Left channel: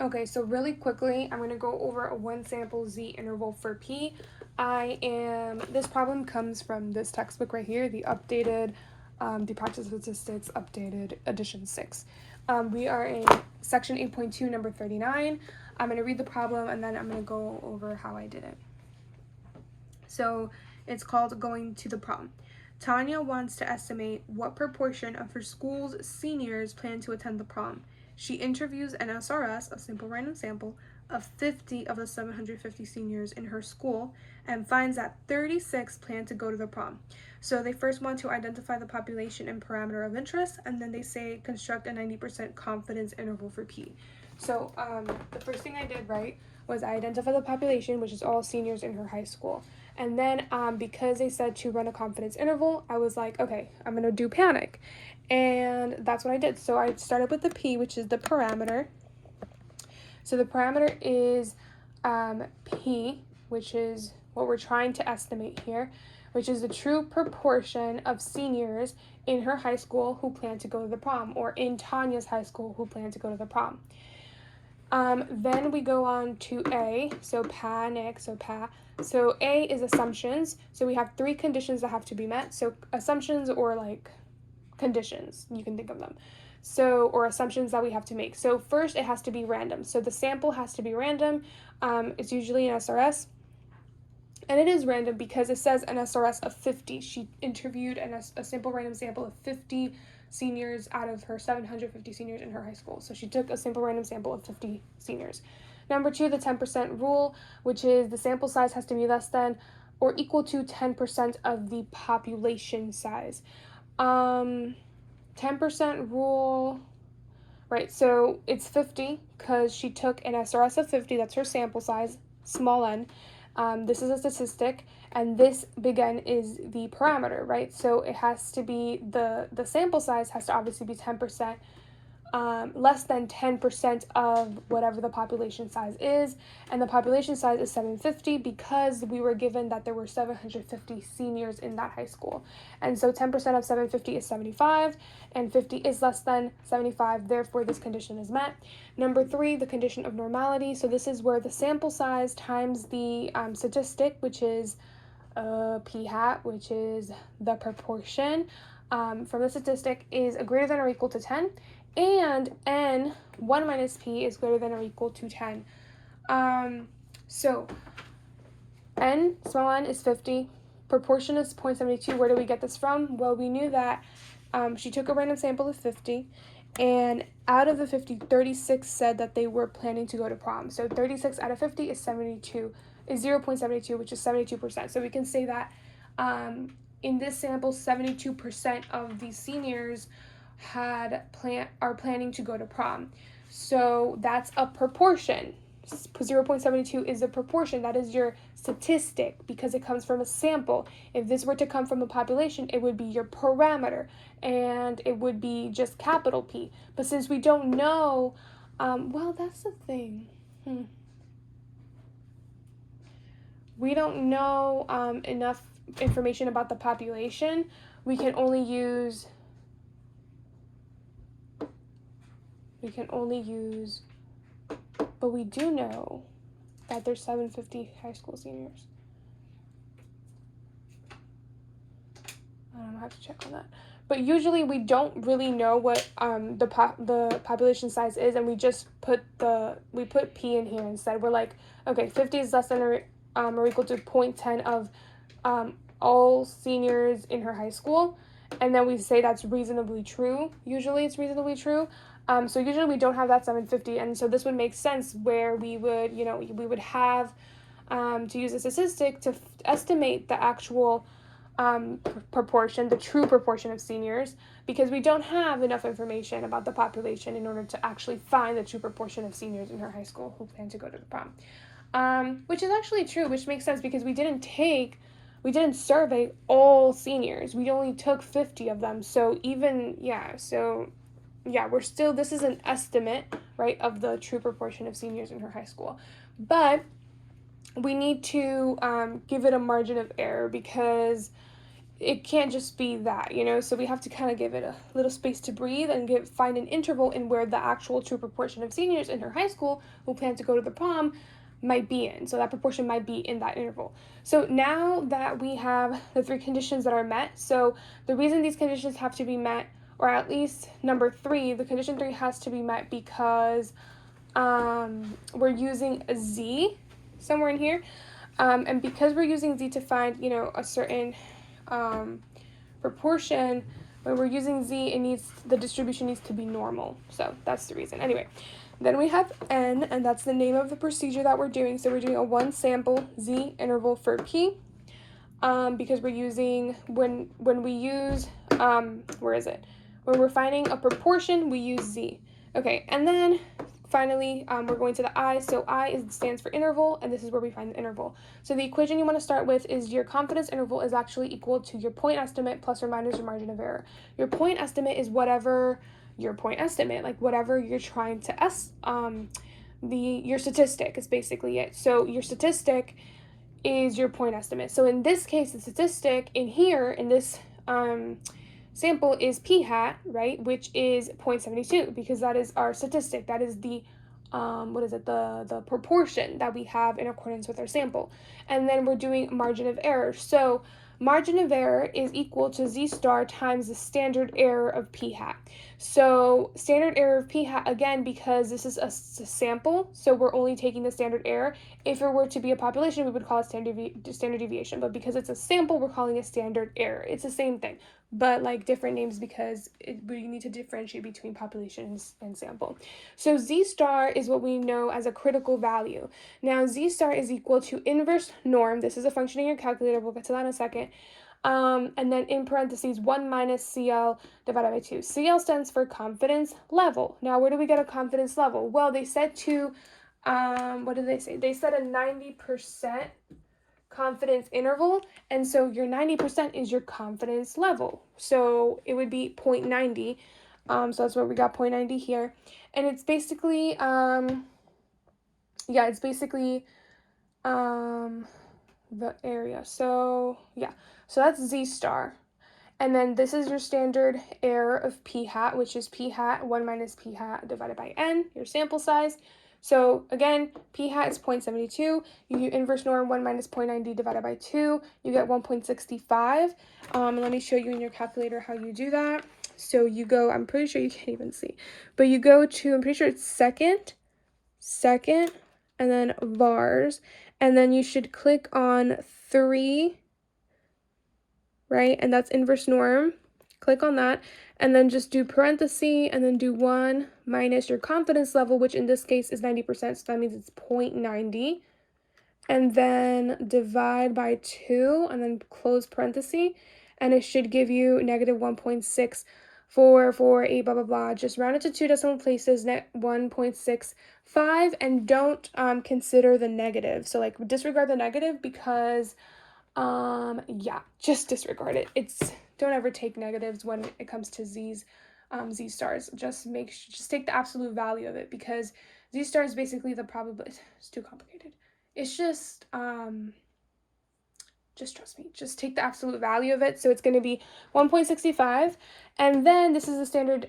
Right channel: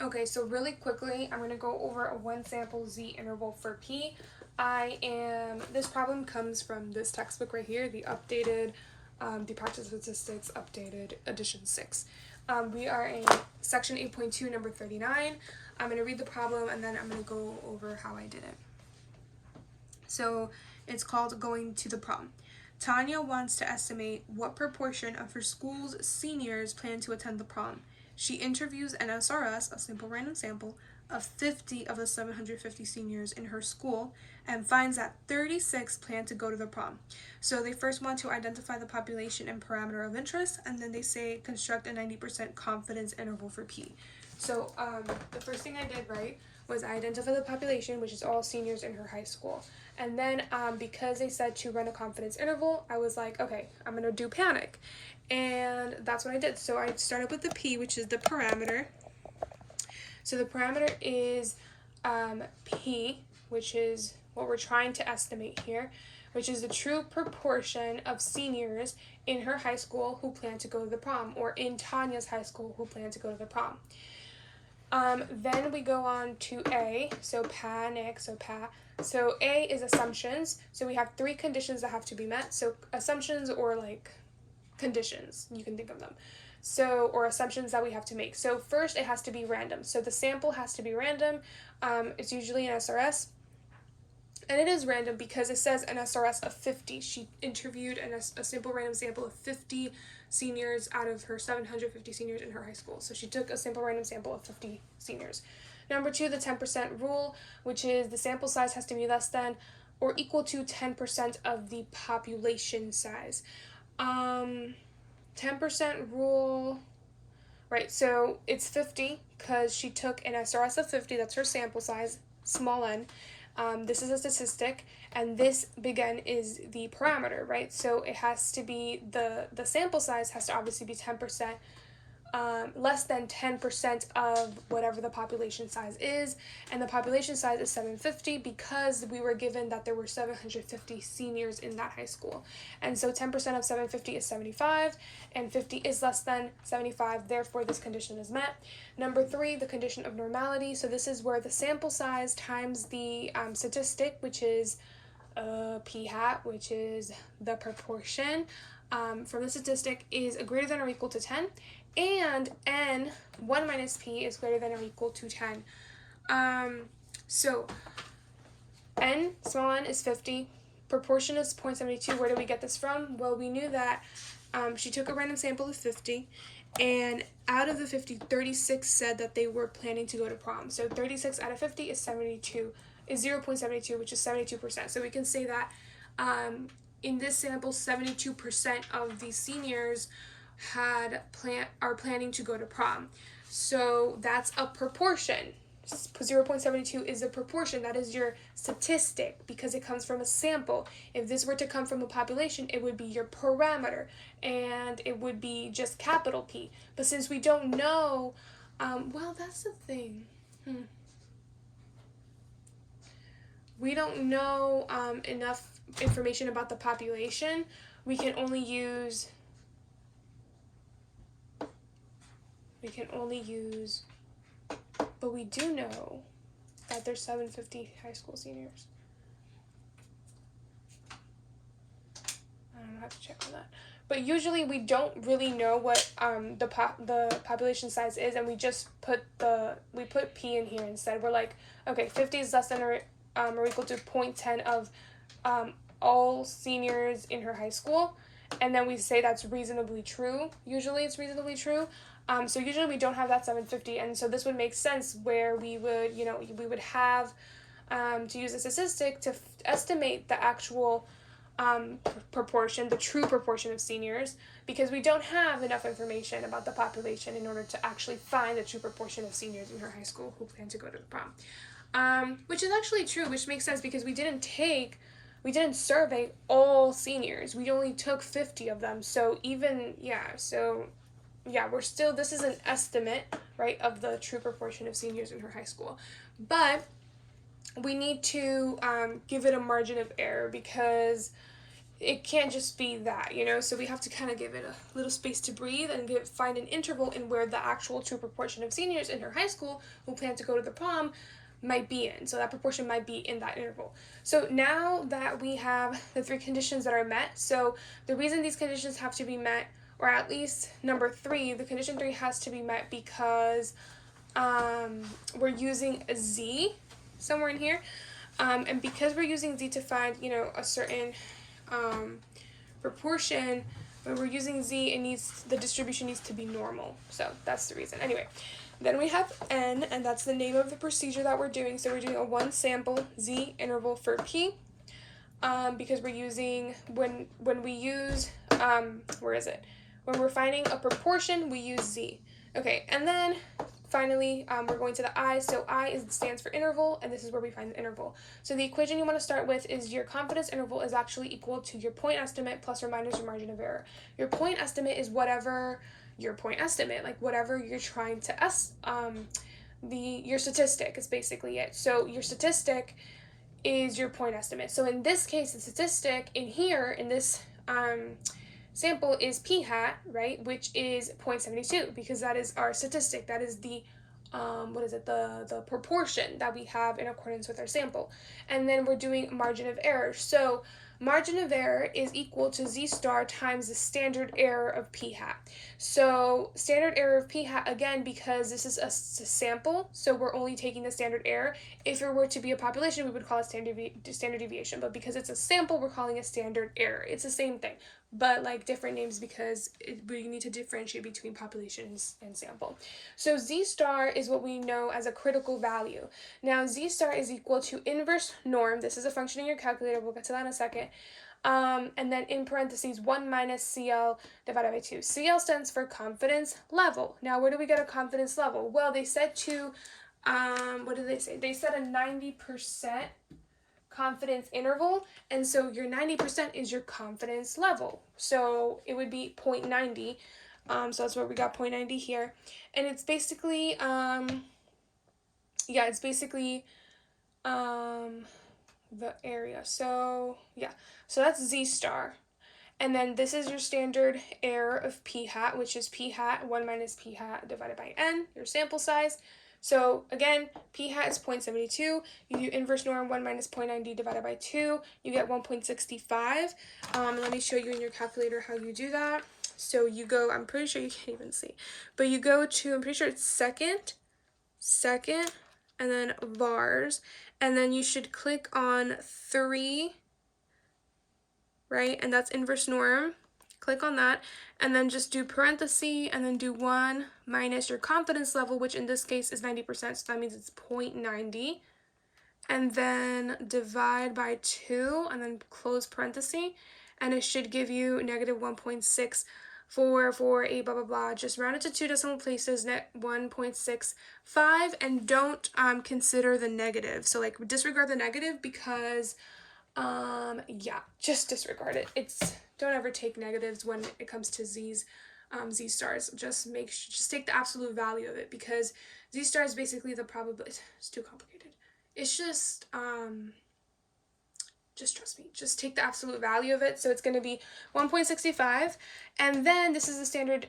Okay, so really quickly, I'm going to go over a one sample z interval for p. This problem comes from this textbook right here, the updated, the practice statistics updated edition 6. We are in section 8.2, number 39. I'm going to read the problem and then I'm going to go over how I did it. So it's called Going to the Prom. Tanya wants to estimate what proportion of her school's seniors plan to attend the prom. She interviews an SRS, a simple random sample, of 50 of the 750 seniors in her school and finds that 36 plan to go to the prom. So they first want to identify the population and parameter of interest, and then they say construct a 90% confidence interval for P. So the first thing I did, right, was I identified the population, which is all seniors in her high school. And then because they said to run a confidence interval, I was like, okay, I'm going to do panic. And that's what I did. So I started with the P, which is the parameter. So the parameter is P, which is what we're trying to estimate here, which is the true proportion of seniors in her high school who plan to go to the prom, or in Tanya's high school who plan to go to the prom. Then we go on to A, so panic, so pa. So A is assumptions. So we have three conditions that have to be met. So assumptions or like conditions, you can think of them. So, or assumptions that we have to make. So first it has to be random. So the sample has to be random. It's usually an SRS. And it is random because it says an SRS of 50. She interviewed a simple random sample of 50 seniors out of her 750 seniors in her high school. So she took a simple random sample of 50 seniors. Number 2, the 10% rule, which is the sample size has to be less than or equal to 10% of the population size. 10% rule, right, so it's 50 because she took an SRS of 50, that's her sample size, small n. This is a statistic, and this big N is the parameter, right? So it has to be, the sample size has to obviously be 10%, less than 10% of whatever the population size is, and the population size is 750 because we were given that there were 750 seniors in that high school. And so 10% of 750 is 75, and 50 is less than 75, therefore this condition is met. Number 3, the condition of normality. So this is where the sample size times the statistic, which is p hat, which is the proportion from the statistic, is greater than or equal to 10, and n, 1 minus p, is greater than or equal to 10. So n, small n, is 50. Proportion is 0.72. Where do we get this from? Well, we knew that she took a random sample of 50, and out of the 50, 36 said that they were planning to go to prom. So 36 out of 50 is 0.72, which is 72%. So we can say that in this sample, 72% of the seniors are planning to go to prom. So that's a proportion. 0.72 is a proportion. That is your statistic because it comes from a sample. If this were to come from a population, it would be your parameter, and it would be just capital P. But since we don't know, well, that's the thing. We don't know enough information about the population. We can only use, but we do know that there's 750 high school seniors. I don't have to check on that. But usually we don't really know what the population size is, and we just put P in here instead. We're like, okay, 50 is less than or equal to 0.10 of all seniors in her high school, and then we say that's reasonably true. Usually it's reasonably true. So usually we don't have that 750, and so this would make sense where we would have to use a statistic to estimate the actual proportion, the true proportion of seniors, because we don't have enough information about the population in order to actually find the true proportion of seniors in her high school who plan to go to the prom. Which is actually true, which makes sense because we didn't survey all seniors. We only took 50 of them. So we're still, this is an estimate, right, of the true proportion of seniors in her high school. But we need to give it a margin of error because it can't just be that, you know, so we have to kind of give it a little space to breathe and find an interval in where the actual true proportion of seniors in her high school who plan to go to the prom might be in. So that proportion might be in that interval. So now that we have the three conditions that are met, so the reason these conditions have to be met, or at least number 3, the condition 3 has to be met because we're using a z somewhere in here, and because we're using z to find, you know, a certain proportion, when we're using z, the distribution needs to be normal. So that's the reason. Anyway, then we have n, and that's the name of the procedure that we're doing. So we're doing a one sample z interval for p, because we're using, when we use, where is it? When we're finding a proportion, we use z. Okay, and then finally, we're going to the I. So I stands for interval, and this is where we find the interval. So the equation you want to start with is your confidence interval is actually equal to your point estimate plus or minus your margin of error. Your point estimate is whatever your point estimate, like whatever you're trying to your statistic is basically it. So your statistic is your point estimate. So in this case, the statistic in here, in this sample is p hat, right, which is 0.72, because that is our statistic. That is the the proportion that we have in accordance with our sample. And then we're doing margin of error. So margin of error is equal to z star times the standard error of p hat. So standard error of p hat, again, because this is a sample, so we're only taking the standard error. If it were to be a population, we would call it standard deviation, but because it's a sample, we're calling it standard error. It's the same thing, but like different names because we need to differentiate between populations and sample. So z star is what we know as a critical value. Now z star is equal to inverse norm. This is a function in your calculator. We'll get to that in a second. And then in parentheses 1 minus CL divided by 2. CL stands for confidence level. Now, where do we get a confidence level? Well, they said to, what did they say? They said a 90% confidence interval, and so your 90% is your confidence level. So it would be 0.90. So that's where we got 0.90 here. And it's basically, the area. So yeah, so that's z star. And then this is your standard error of p hat, which is p hat 1 minus p hat divided by n, your sample size. So again, p hat is 0.72. You do inverse norm 1 minus 0.90 divided by 2. You get 1.65. Let me show you in your calculator how you do that. So you go, I'm pretty sure you can't even see, but you go to, I'm pretty sure it's second, and then vars. And then you should click on 3, right? And that's inverse norm. Click on that. And then just do parenthesis and then do 1 minus your confidence level, which in this case is 90%. So that means it's 0.90. And then divide by 2 and then close parenthesis. And it should give you negative 1.6448, blah, blah, blah. Just round it to 2 decimal places, 1.65, and don't consider the negative. So like disregard the negative because yeah, just disregard it. Don't ever take negatives when it comes to z stars. Just take the absolute value of it, because z star is basically the probability. It's too complicated. It's just trust me, just take the absolute value of it. So it's going to be 1.65, and then this is the standard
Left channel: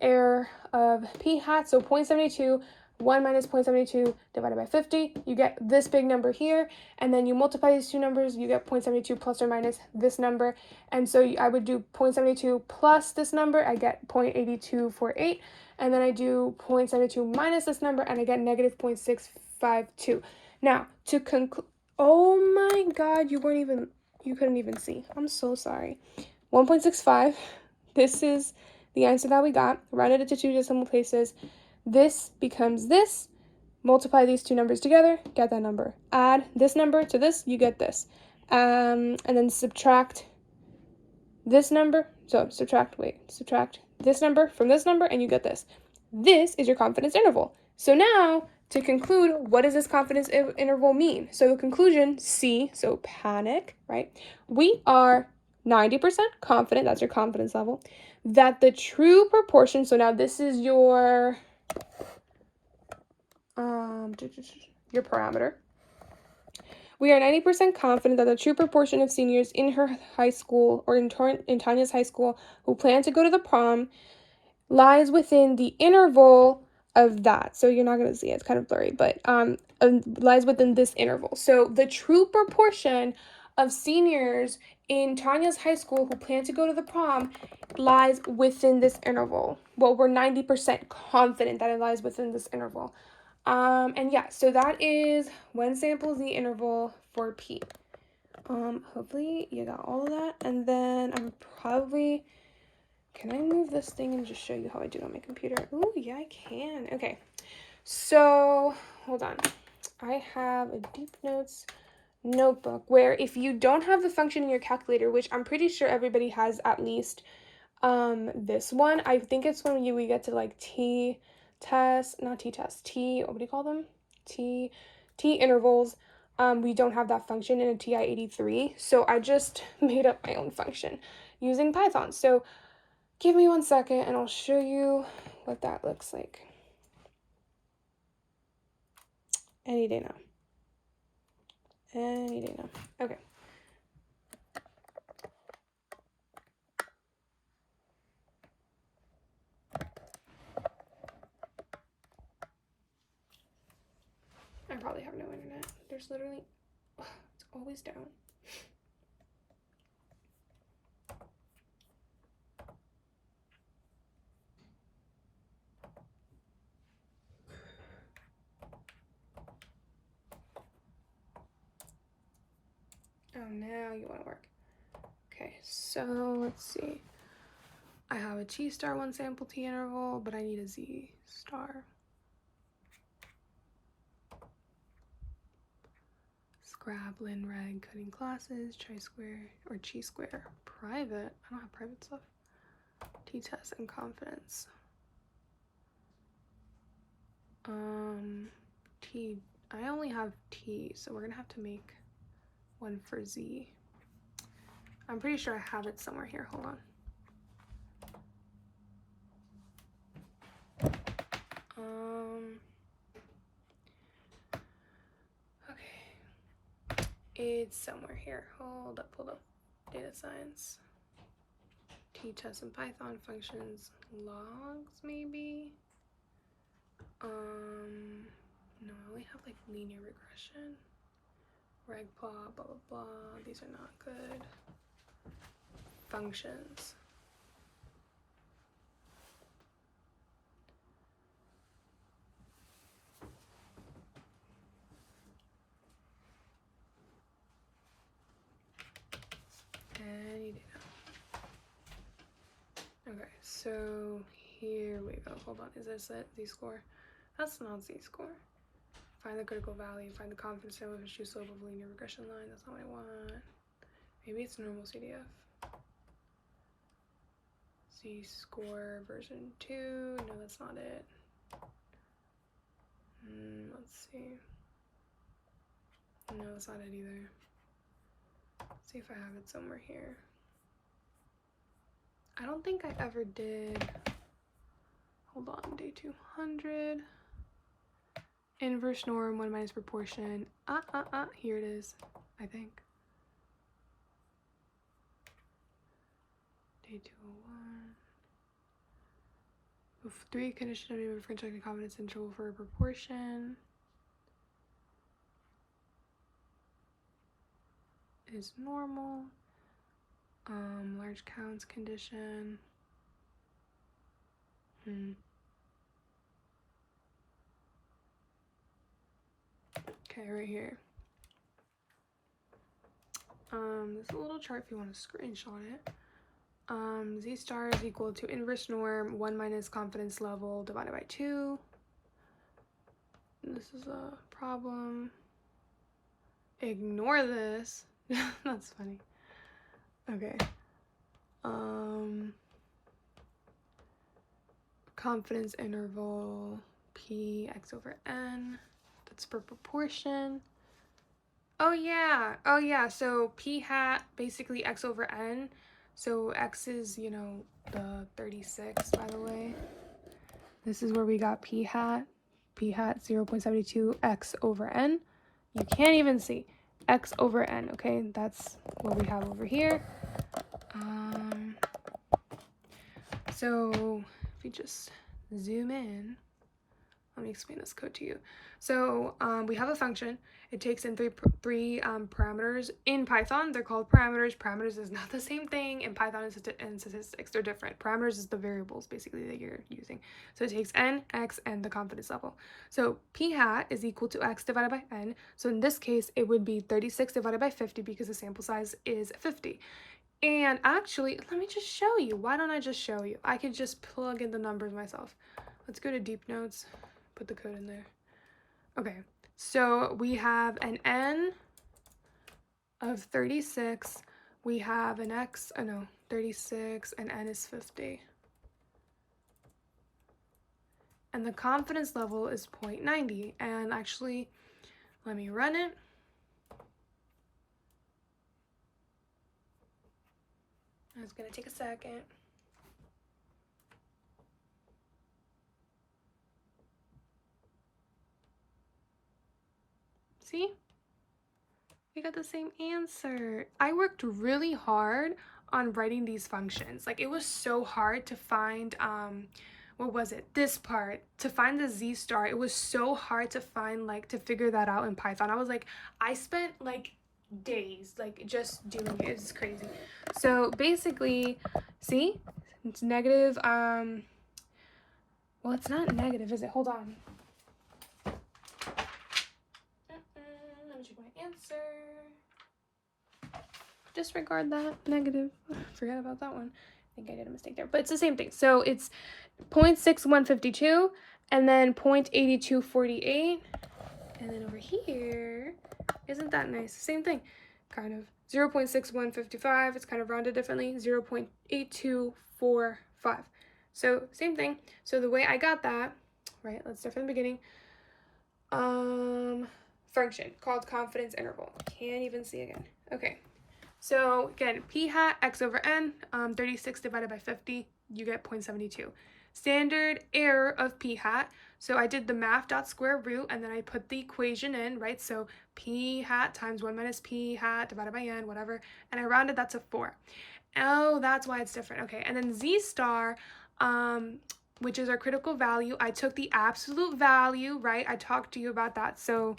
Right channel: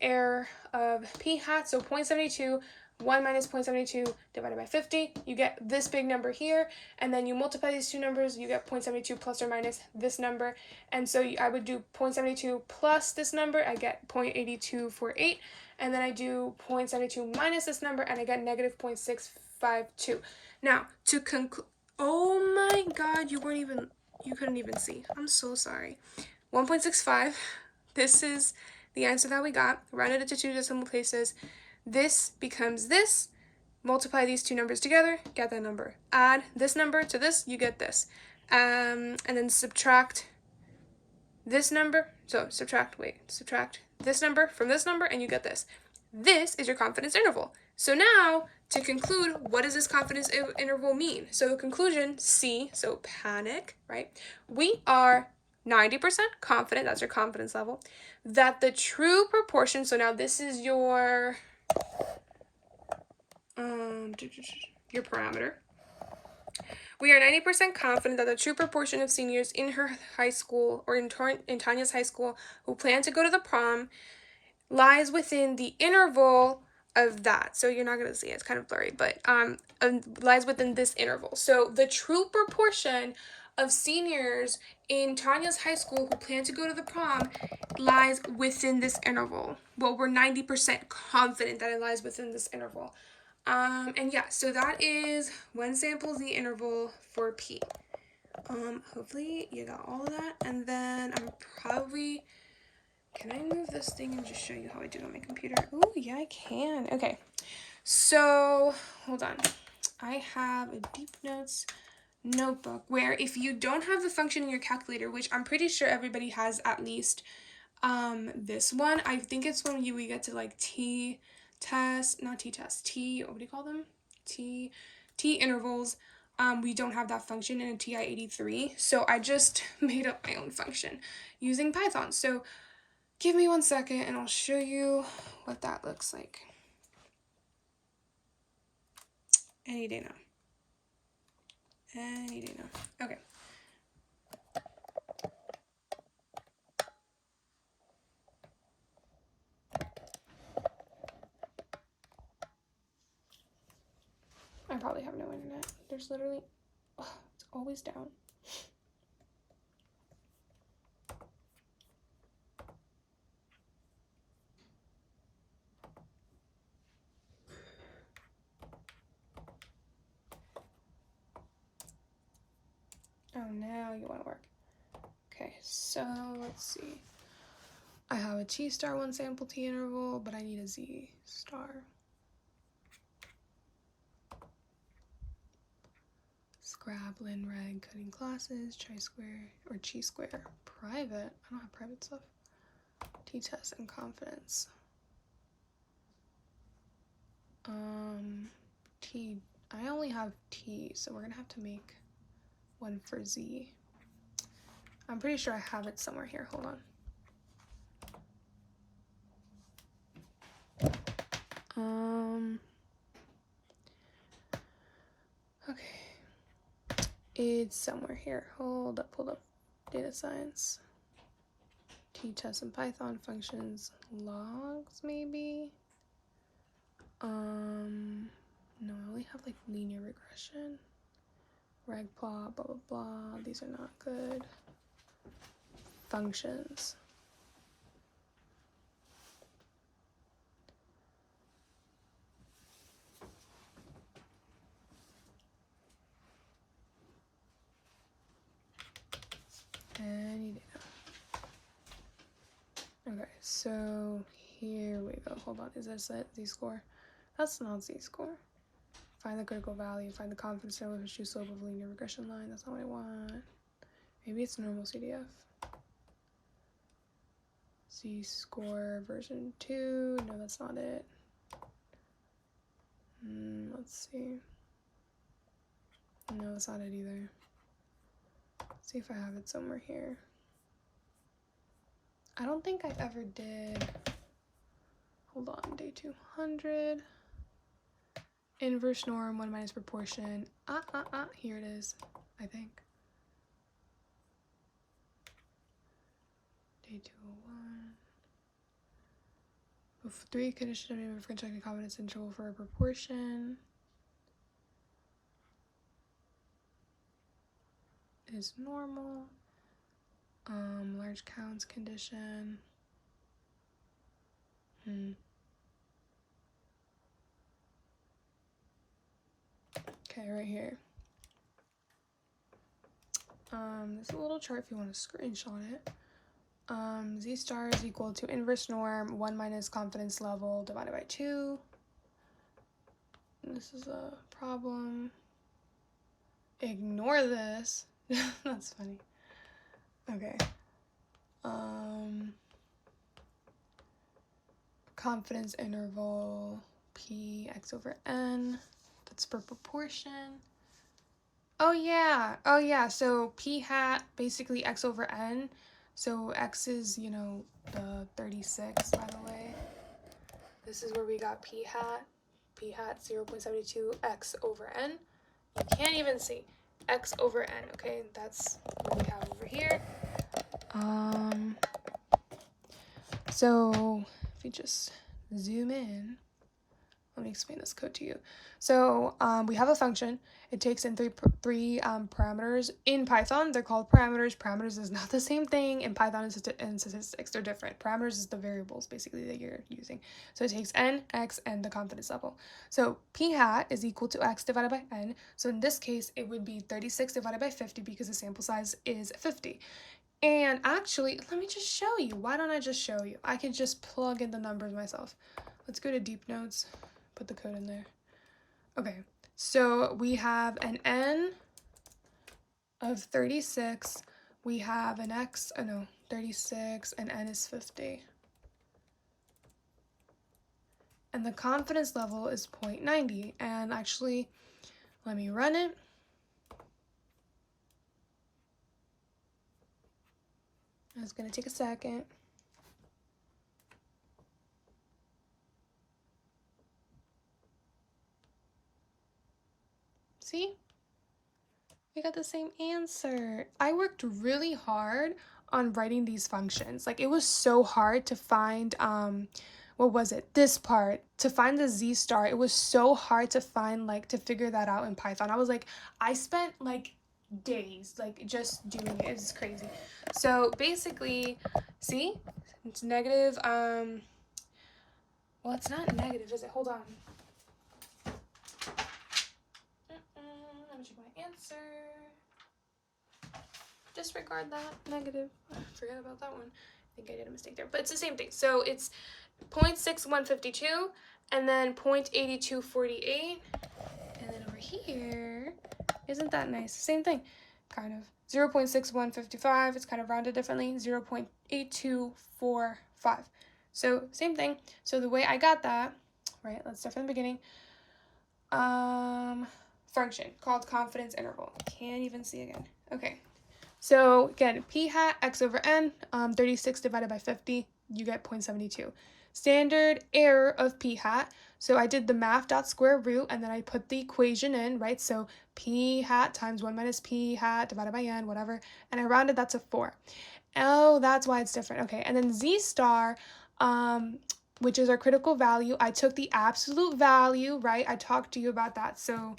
error of p hat, so 0.72, 1 minus 0.72 divided by 50, you get this big number here, and then you multiply these two numbers, you get 0.72 plus or minus this number, and so I would do 0.72 plus this number, I get 0.8248, and then I do 0.72 minus this number, and I get negative 0.652. Now, to conclude, oh my god, you couldn't even see. I'm so sorry. 1.65, this is the answer that we got. Rounded it to 2 decimal places. This becomes this. Multiply these two numbers together, get that number. Add this number to this, you get this. And then subtract this number. So subtract this number from this number, and you get this. This is your confidence interval. So now, to conclude, what does this confidence interval mean? So the conclusion, C, so panic, right? We are 90% confident, that's your confidence level, that the true proportion, so now this is your parameter. We are 90% confident that the true proportion of seniors in her high school, or in Tanya's high school, who plan to go to the prom lies within the interval of that. So you're not going to see it. It's kind of blurry, but lies within this interval. So the true proportion of seniors in Tanya's high school who plan to go to the prom lies within this interval. Well, we're 90% confident that it lies within this interval. And yeah, so that is one sample Z interval for P. Hopefully you got all of that. And then I'm probably... Can I move this thing and just show you how I do it on my computer? Oh, yeah, I can. Okay. So, hold on. I have a Deep Notes notebook where if you don't have the function in your calculator, which I'm pretty sure everybody has at least this one. I think it's when we get to like what do you call them? T intervals. We don't have that function in a TI-83. So I just made up my own function using Python. So give me 1 second and I'll show you what that looks like. Any day now. Any day now. Okay. I probably have no internet. There's literally... it's always down. Oh, now you want to work. Okay, so let's see. I have a T star 1 sample T interval, but I need a Z star. Scrablin, reg, cutting classes, chi-square, or chi-square, private. I don't have private stuff. T-test and confidence. T, I only have T, so we're gonna have to make one for Z. I'm pretty sure I have it somewhere here. Hold on. Okay. It's somewhere here. Hold up. Data science. T-test and Python functions. Logs, maybe? No, I only have like linear regression. Reg plot, blah, blah, blah. These are not good. Functions. Any data. Okay, so here we go. Hold on, is this it? Z-score? That's not Z-score. Find the critical value, find the confidence interval with a true slope of linear regression line. That's not what I want. Maybe it's normal CDF. Z-score version 2. No, that's not it. Let's see. No, that's not it either. Let's see if I have it somewhere here. I don't think I ever did. Hold on, day 200. Inverse norm, 1 minus proportion. Here it is, I think. Day 201. With 3 condition of different checking confidence interval for a proportion. Is normal. Large counts condition. Okay, right here. This is a little chart if you want to screenshot it. Z star is equal to inverse norm 1 minus confidence level divided by 2. This is a problem. Ignore this. That's funny. Okay. Confidence interval P x over n. That's per proportion. Oh yeah. So P hat basically x over n. So x is, you know, the 36, by the way. This is where we got P hat 0.72 x over n. You can't even see. x over n, okay? That's what we have over here. So if we just zoom in, let me explain this code to you. So we have a function. It takes in three parameters. In Python, they're called parameters. Parameters is not the same thing. In Python and statistics, they're different. Parameters is the variables, basically, that you're using. So it takes n, x, and the confidence level. So p hat is equal to x divided by n. So in this case, it would be 36 divided by 50 because the sample size is 50. And actually, let me just show you. Why don't I just show you? I could just plug in the numbers myself. Let's go to deep notes. Put the code in there. Okay, so we have an n of 36. We have an x, 36, and n is 50. And the confidence level is 0.90. And actually, let me run it. It's going to take a second. See? We got the same answer. I worked really hard on writing these functions. Like, it was so hard to find, what was it? This part. To find the z star, it was so hard to find, like, to figure that out in Python. I was like, I spent, like, days, like, just doing it. It's crazy. So, basically, see? It's negative, well, it's not negative, is it? Hold on. Let me check my answer. Disregard that, negative. Forget about that one. I think I did a mistake there, but it's the same thing. So it's 0.6152 and then 0.8248. And then over here, isn't that nice? Same thing, kind of. 0.6155, it's kind of rounded differently. 0.8245. So same thing. So the way I got that, right, let's start from the beginning. Function called confidence interval. Can't even see again. Okay. So again, p hat x over n, 36 divided by 50, you get 0.72. Standard error of p hat. So I did the math dot square root and then I put the equation in, right? So p hat times 1 minus p hat divided by n, whatever. And I rounded that to 4. Oh, that's why it's different. Okay. And then z star, which is our critical value, I took the absolute value, right? I talked to you about that. So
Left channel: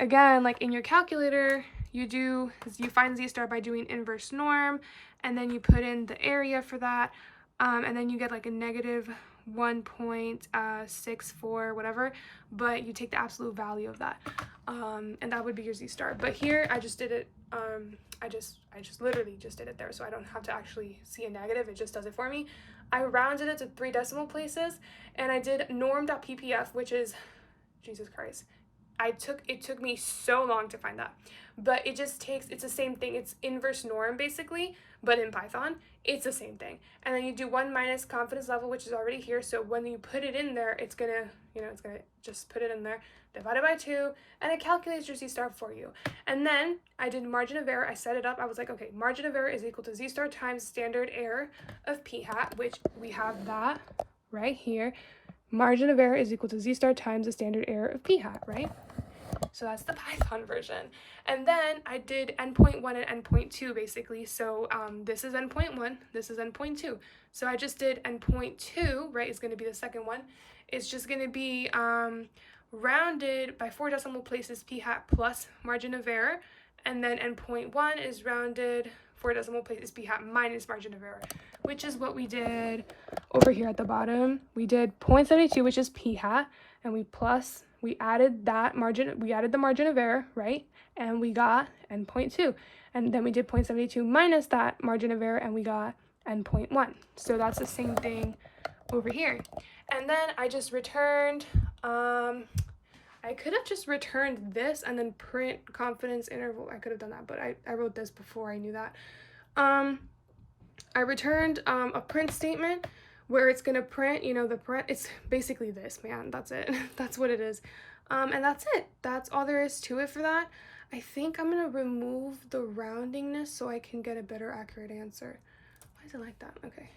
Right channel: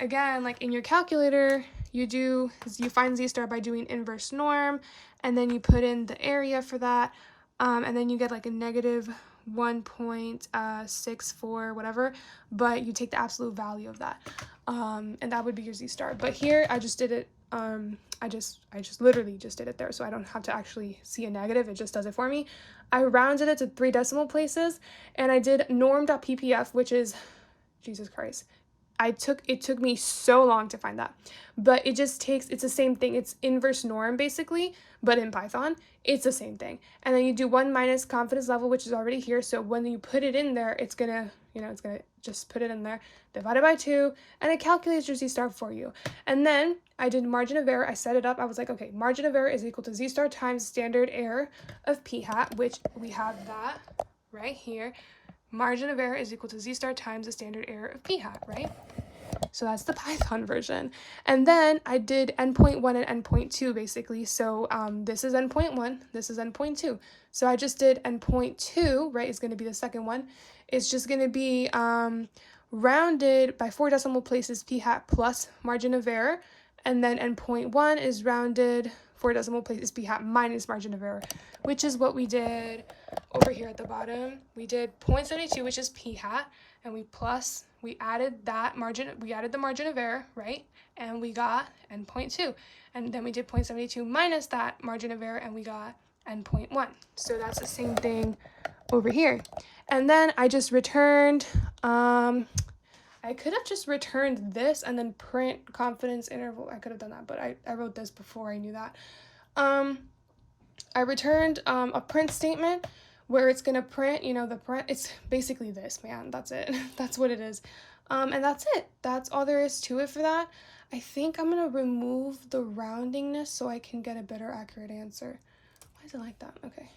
again, like in your calculator, you find z star by doing inverse norm, and then you put in the area for that, and then you get like a negative 1.64 whatever, but you take the absolute value of that, and that would be your z star. But here I just did it, I just literally just did it there, so I don't have to actually see a negative. It just does it for me. I rounded it to 3 decimal places, and I did norm.ppf, which is, Jesus Christ, it took me so long to find that, but it's the same thing. It's inverse norm basically, but in Python it's the same thing. And then you do 1 minus confidence level, which is already here, so when you put it in there, it's gonna just put it in there, divided by 2, and it calculates your z star for you. And then I did margin of error. I set it up. I was like, okay, margin of error is equal to z star times standard error of p hat, which we have that right here. Margin of error is equal to z star times the standard error of p hat, right? So that's the Python version. And then I did n.1 and n.2 basically. So this is n.1, this is n.2. So I just did n.2, right? It's going to be the second one. It's just going to be rounded by 4 decimal places p hat plus margin of error. And then n.1 is rounded 4 decimal places p hat minus margin of error, which is what we did over here at the bottom. We did 0.72, which is p hat, and we added the margin of error, right? And we got n.2. And then we did 0.72 minus that margin of error, and we got n.1. So that's the same thing over here. And then I just returned, I could have just returned this and then print confidence interval. I could have done that, but I wrote this before I knew that. I returned a print statement where it's gonna print, the print, it's basically this, man, that's it. That's what it is. And that's it. That's all there is to it for that. I think I'm gonna remove the roundingness so I can get a better accurate answer. Why is it like that? Okay.